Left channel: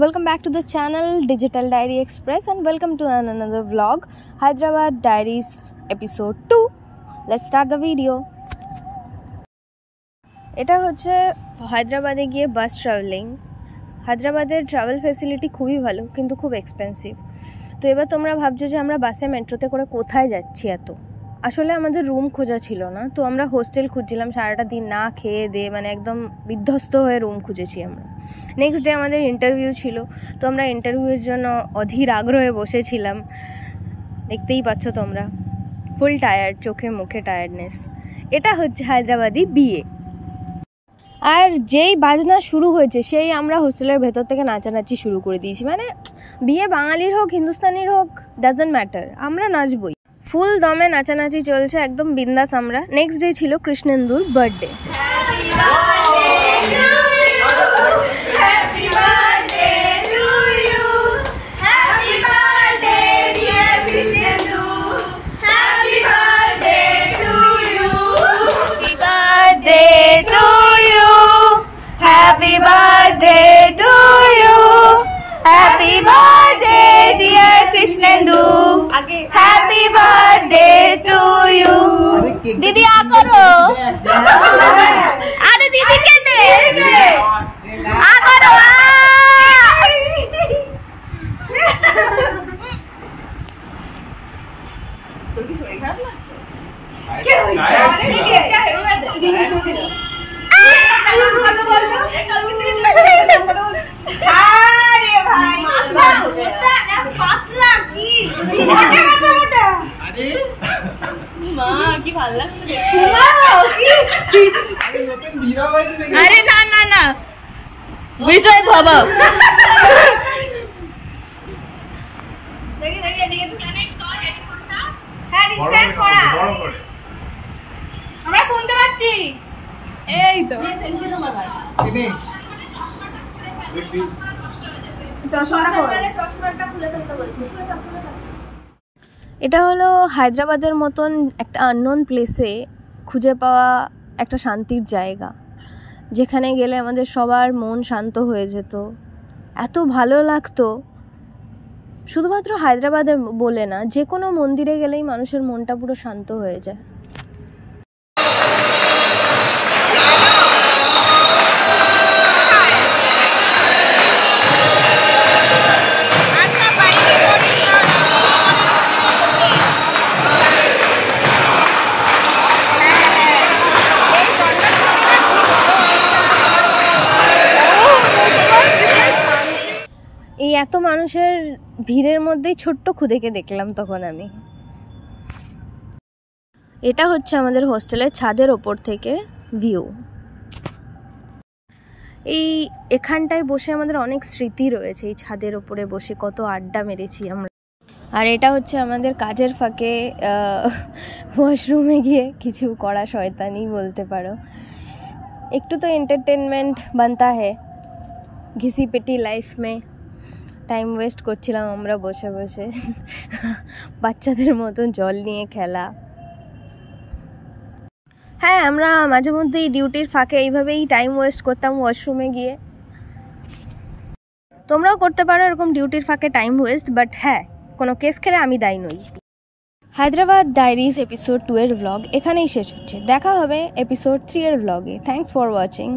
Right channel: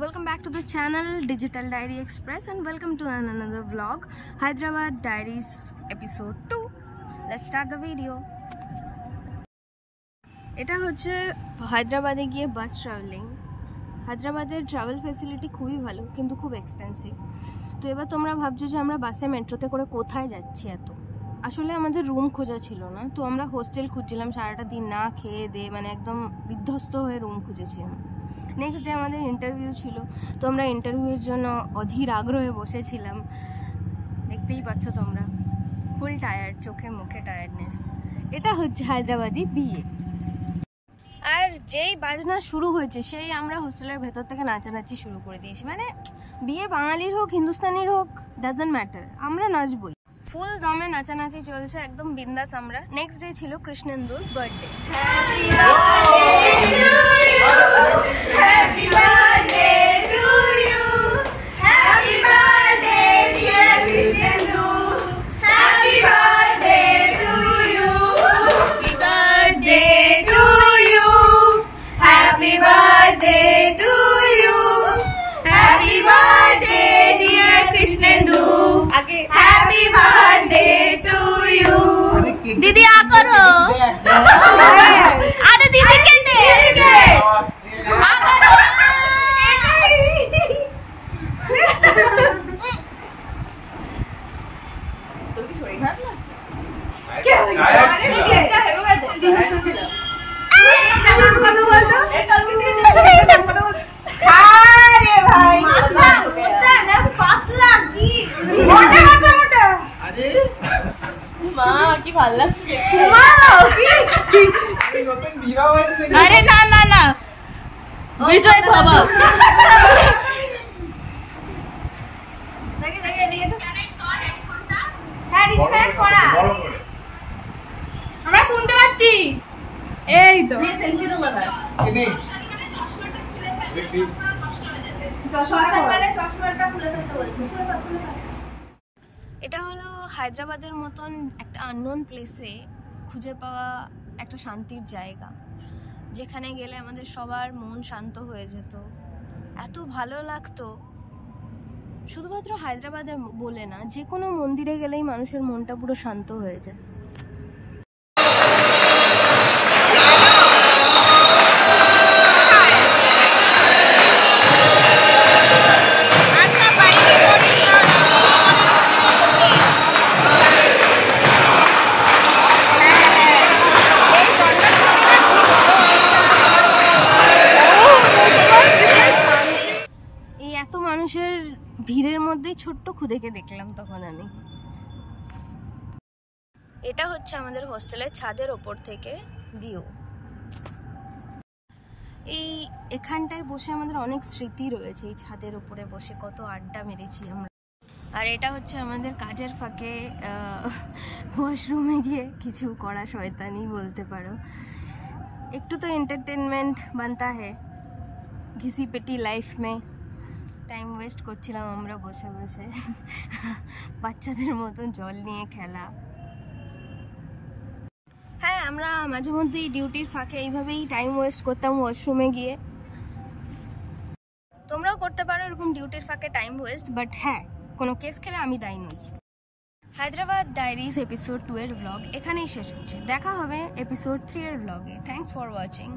welcome back to the channel Digital Diary Express and welcome to another vlog, Hyderabad Diaries episode 2. Let's start the video. এটা হচ্ছে হায়দ্রাবাদে গিয়ে বাস travelling. হায়দ্রাবাদের travel facility খুবই ভালো কিন্তু খুব এক্সপেন্সিভ। তো এবার তোমরা ভাবছো যে আমরা বাসে মেট্রোতে করে কোথায় যাচ্ছি এত। আসলে আমাদের রুম খোঁজা ছিল না, তো আমরা হোস্টেল খুঁজছিলাম। সারাটা দিন না খেয়ে দিয়ে মানে একদম বিধ্বস্ত হয়ে রুম খুঁজেছি আমরা। নেক্সট ডে আমাদের ইন্টারভিউ ছিল, তো আমরা ইন্টারভিউয়ের জন্য অধীর আগ্রহে বসেছিলাম। দেখতেই পাচ্ছ তোমরা, ফুল টায়ার্ড, চোখে মুখে টায়ার্ডনেস। এটা হচ্ছে হায়দ্রাবাদি বিয়ে। আর যেই বাজনা শুরু হয়েছে সেই আমরা হোস্টেলের ভেতর থেকে নাচানাচি শুরু করে দিয়েছি। মানে বিয়ে বাঙালির হোক হিন্দুস্তানির হোক ডাজন্ট ম্যাটার, আমরা নাচবই। ফুল দমে নাচানাচি চলছে, একদম বিন্দাস আমরা। নেক্সট ডে ছিল কৃষ্ণেন্দুর birthday. Happy birthday to you. Happy birthday dear Krishnendu. Happy birthday to you. दीदी आ करो। अरे दीदी के दे। आ करो। तुम की छोड़ी खा ना? क्या है? अरे भाई पातला की मोटा अरे मां की ভাল লাগছে আরে নতুন বিবাহ হয়েছে। আরে না না না বিজয় বাবা দেখে দেখে এদিকে তো কানেক্ট কর হেডফোনটা। হ্যাঁ রিস্টার্ট করা বড় করে আমরা শুনতে পাচ্ছি। এই তো এই সেলফি তো লাগা কেনে চশমাটা খুলে ফেলতে বলছি। এটা হলো হায়দ্রাবাদের মতন একটা আননোন প্লেসে খুঁজে পাওয়া একটা শান্তির জায়গা, যেখানে গেলে আমাদের সবার মন শান্ত হয়ে যেত, এত ভালো লাগতো। শুধুমাত্র হায়দ্রাবাদে বলে না, যে কোনো মন্দিরে গেলেই মানুষের মনটা পুরো শান্ত হয়ে যায়। এই এত মানুষের ভিড়ের মধ্যেই ছোট্ট খুদেকে দেখলাম তখন আমি। এটা হচ্ছে আমাদের হোস্টেলের ছাদের ওপর থেকে ভিউ। এখানটায় বসে আমাদের অনেক স্মৃতি রয়েছে। এই ছাদের ওপরে বসে কত আড্ডা মেরেছি আমরা। আর এটা হচ্ছে আমাদের কাজের ফাঁকে ওয়াশরুমে গিয়ে কিছু করা শয়তানি বলতে পারো। একটু তো এন্টারটেনমেন্ট বানতা है ঘিসি পেটি লাইফ মে। টাইম ওয়েস্ট করছিলাম আমরা বসে বসে, বাচ্চাদের মতন জল নিয়ে খেলা। হ্যাঁ, আমরা মাঝে মধ্যেই ডিউটির ফাঁকে এইভাবেই টাইম ওয়েস্ট করতাম ওয়াশরুমে গিয়ে। তোমরাও করতে পারো এরকম ডিউটির ফাঁকে টাইম ওয়েস্ট, বাট হ্যাঁ, কোনো কেস খেলে আমি দায়ী নই। হায়দ্রাবাদ ডায়েরিজ এপিসোড 2 এর ব্লগ এখানেই শেষ হচ্ছে। দেখা হবে এপিসোড 3 এর ব্লগে। Thanks for watching.